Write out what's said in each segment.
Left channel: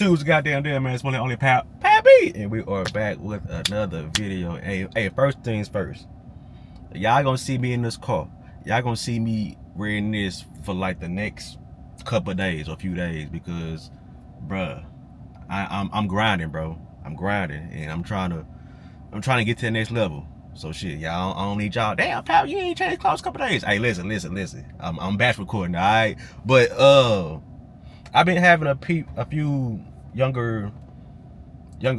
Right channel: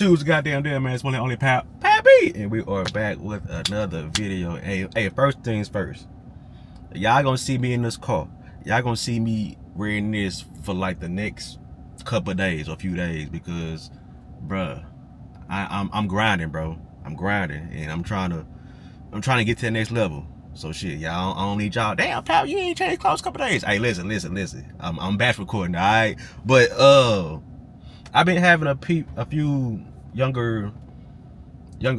Dude's goddamn dead, man. It's only Pappy, and we are back with another video. Hey, first things first. Y'all gonna see me in this car. Y'all gonna see me wearing this for like the next couple of days or a few days because, bruh, I'm grinding, bro. I'm grinding, and I'm trying to get to the next level. So shit, y'all, I don't need y'all. Damn, pal, you ain't changed clothes a couple of days. Hey, listen. I'm batch recording, all right? But I've been having a few younger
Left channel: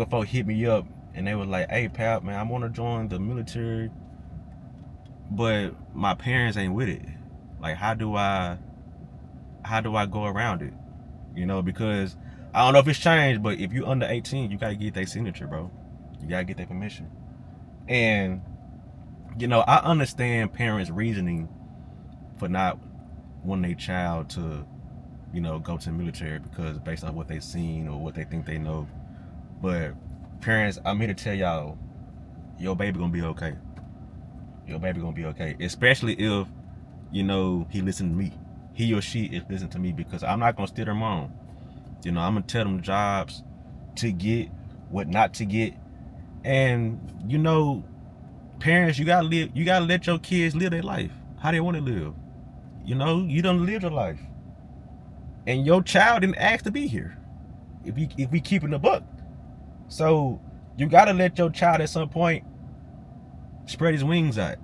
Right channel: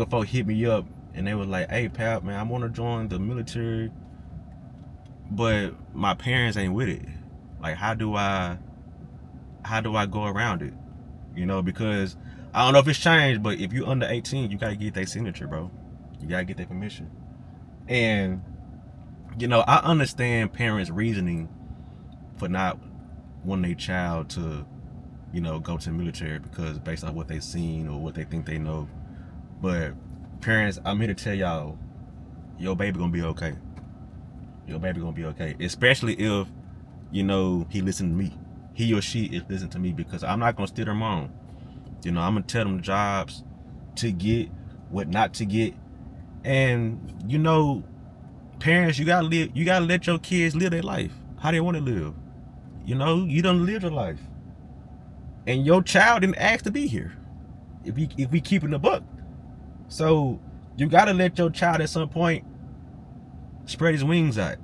folk hit me up, and they were like, "Hey, pal, man, I want to join the military, but my parents ain't with it. Like, how do I go around it? You know, because I don't know if it's changed, but if you under 18, you gotta get their signature, bro. You gotta get their permission. And you know, I understand parents' reasoning for not wanting their child to, you know, go to the military because based on what they've seen or what they think they know. But parents, I'm here to tell y'all, your baby gonna be okay. Your baby gonna be okay. Especially if, you know, he listen to me. He or she is listening to me, because I'm not gonna steer them on. You know, I'm gonna tell them jobs to get, what not to get. And you know, parents, you gotta let your kids live their life how they want to live. You know, you done live your life, and your child didn't ask to be here. If we keeping the buck, so you gotta let your child at some point spread his wings out.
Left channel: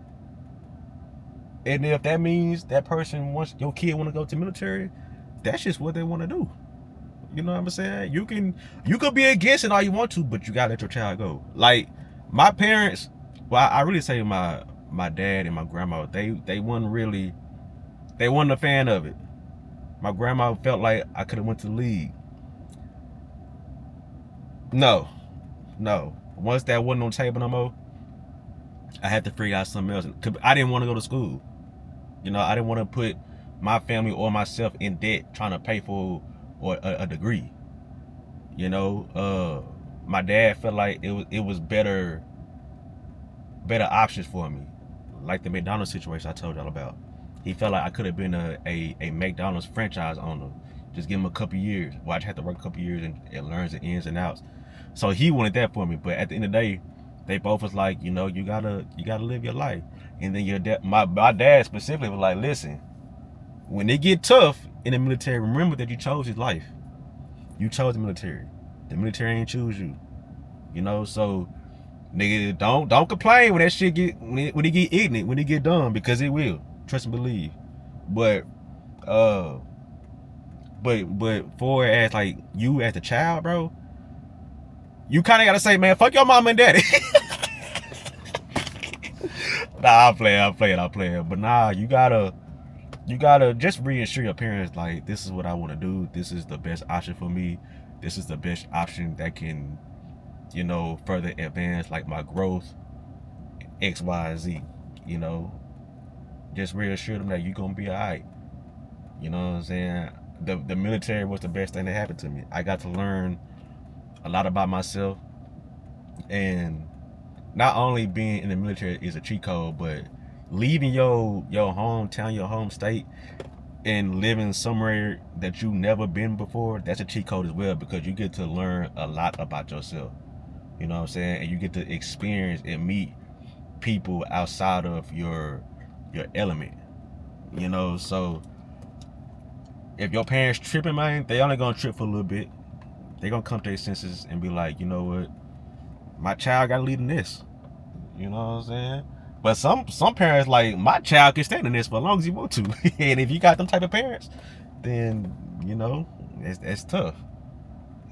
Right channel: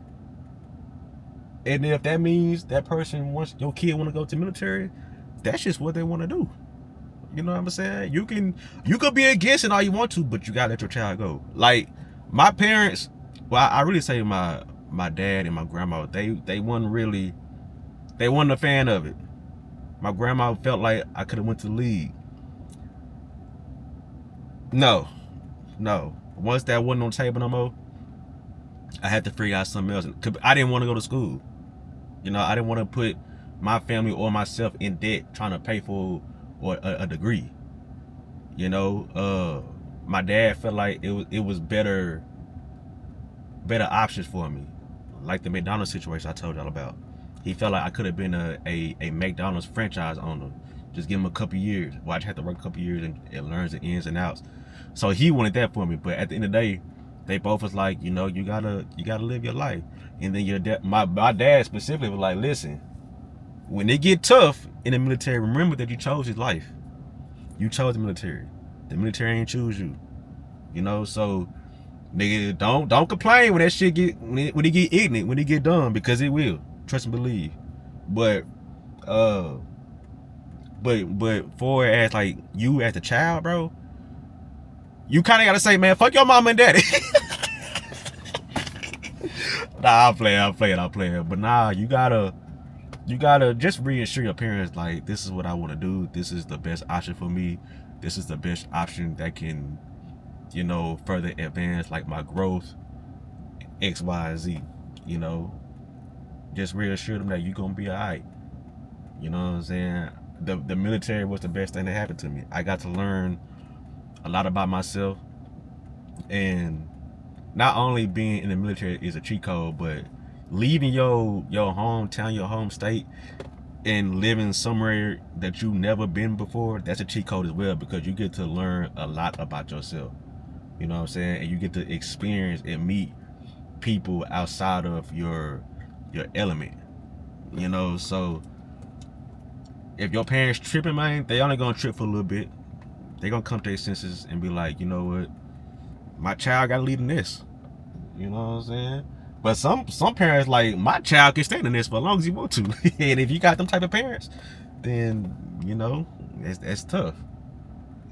And if that means that person wants, your kid want to go to the military, that's just what they want to do. You know what I'm saying? You could be against it all you want to, but you gotta let your child go. Like my parents, well, I really say my dad and my grandma, they wasn't a fan of it. My grandma felt like I could have went to the league. No. Once that wasn't on the table no more, I had to figure out something else. I didn't want to go to school. You know, I didn't want to put my family or myself in debt trying to pay for a degree. You know, my dad felt like it was better options for me, like the McDonald's situation I told y'all about. He felt like I could have been a McDonald's franchise owner. Just give him a couple years. Well, I just had to work a couple years and learn the ins and outs. So he wanted that for me. But at the end of the day, they both was like, you know, you gotta live your life. And then your dad, my dad specifically was like, listen, when it get tough in the military, remember that you chose his life. You chose the military. The military ain't choose you. You know, so nigga, don't complain when that shit when it get ignorant, when it get dumb, because it will. Trust and believe. But for as like you as the child, bro, you kind of gotta say, man, fuck your mom and daddy. Nah, I'm playing. But nah, you gotta just reassure your parents, like, this is what I want to do. This is the best option for me. This is the best option that can, you know, further advance like my growth, X, Y, Z. You know, just reassure them that you're gonna be all right. You know what I'm saying? The military was the best thing that happened to me. I got to learn a lot about myself, and not only being in the military is a cheat code, but leaving your hometown, your home state, and living somewhere that you've never been before, that's a cheat code as well, because you get to learn a lot about yourself. You know what I'm saying? And you get to experience and meet people outside of your element. You know, so if your parents tripping, man, they only gonna trip for a little bit. They gonna come to their senses and be like, you know what, my child gotta lead in this. You know what I'm saying? But some parents like, my child can stand in this for as long as he want to. And if you got them type of parents, then you know it's tough.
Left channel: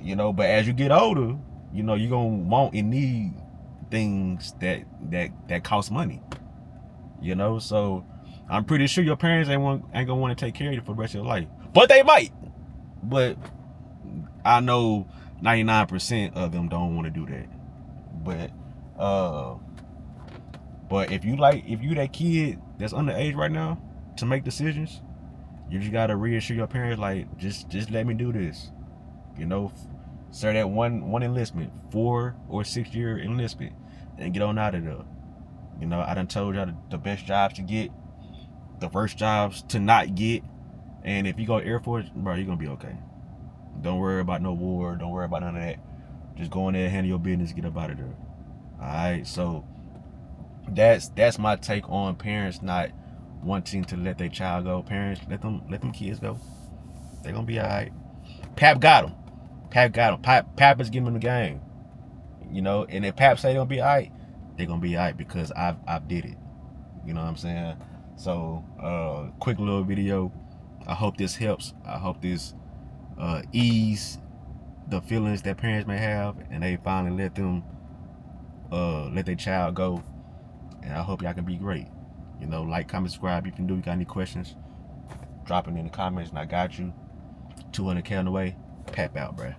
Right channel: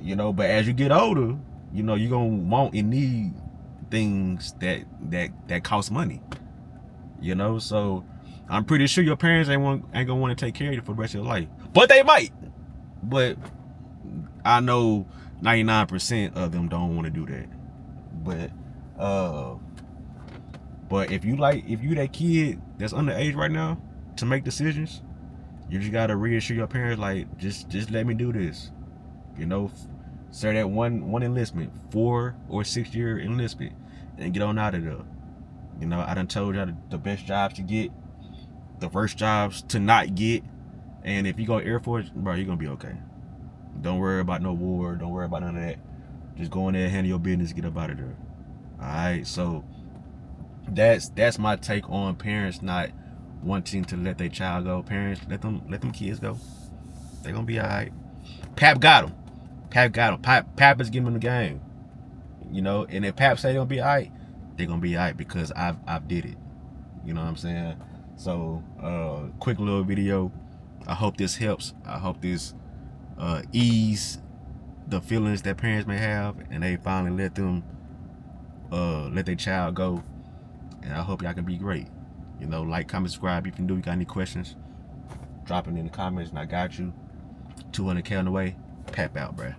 You know, but as you get older, you know, you're gonna want and need things that cost money. You know, so I'm pretty sure your parents ain't gonna want to take care of you for the rest of your life. But they might. But I know 99% of them don't want to do that. But if you that kid that's underage right now to make decisions, you just gotta reassure your parents, like, just let me do this. You know, start that one enlistment, 4 or 6 year enlistment, and get on out of there. You know, I done told y'all the best jobs to get, the worst jobs to not get, and if you go Air Force, bro, you're gonna be okay. Don't worry about no war. Don't worry about none of that. Just go in there, handle your business, get up out of there. All right. So that's my take on parents not wanting to let their child go. Parents, let them kids go. They're gonna be all right. Pap got them. Pap is giving them the game. You know, and if Pap say they're gonna be all right, they're gonna be all right because I've did it. You know what I'm saying? So quick little video. I hope this helps. I hope this ease the feelings that parents may have, and they finally let their child go. And I hope y'all can be great. You know, like, comment, subscribe if you do. You got any questions, drop it in the comments and I got you. 200K on the way. Pap out, bruh.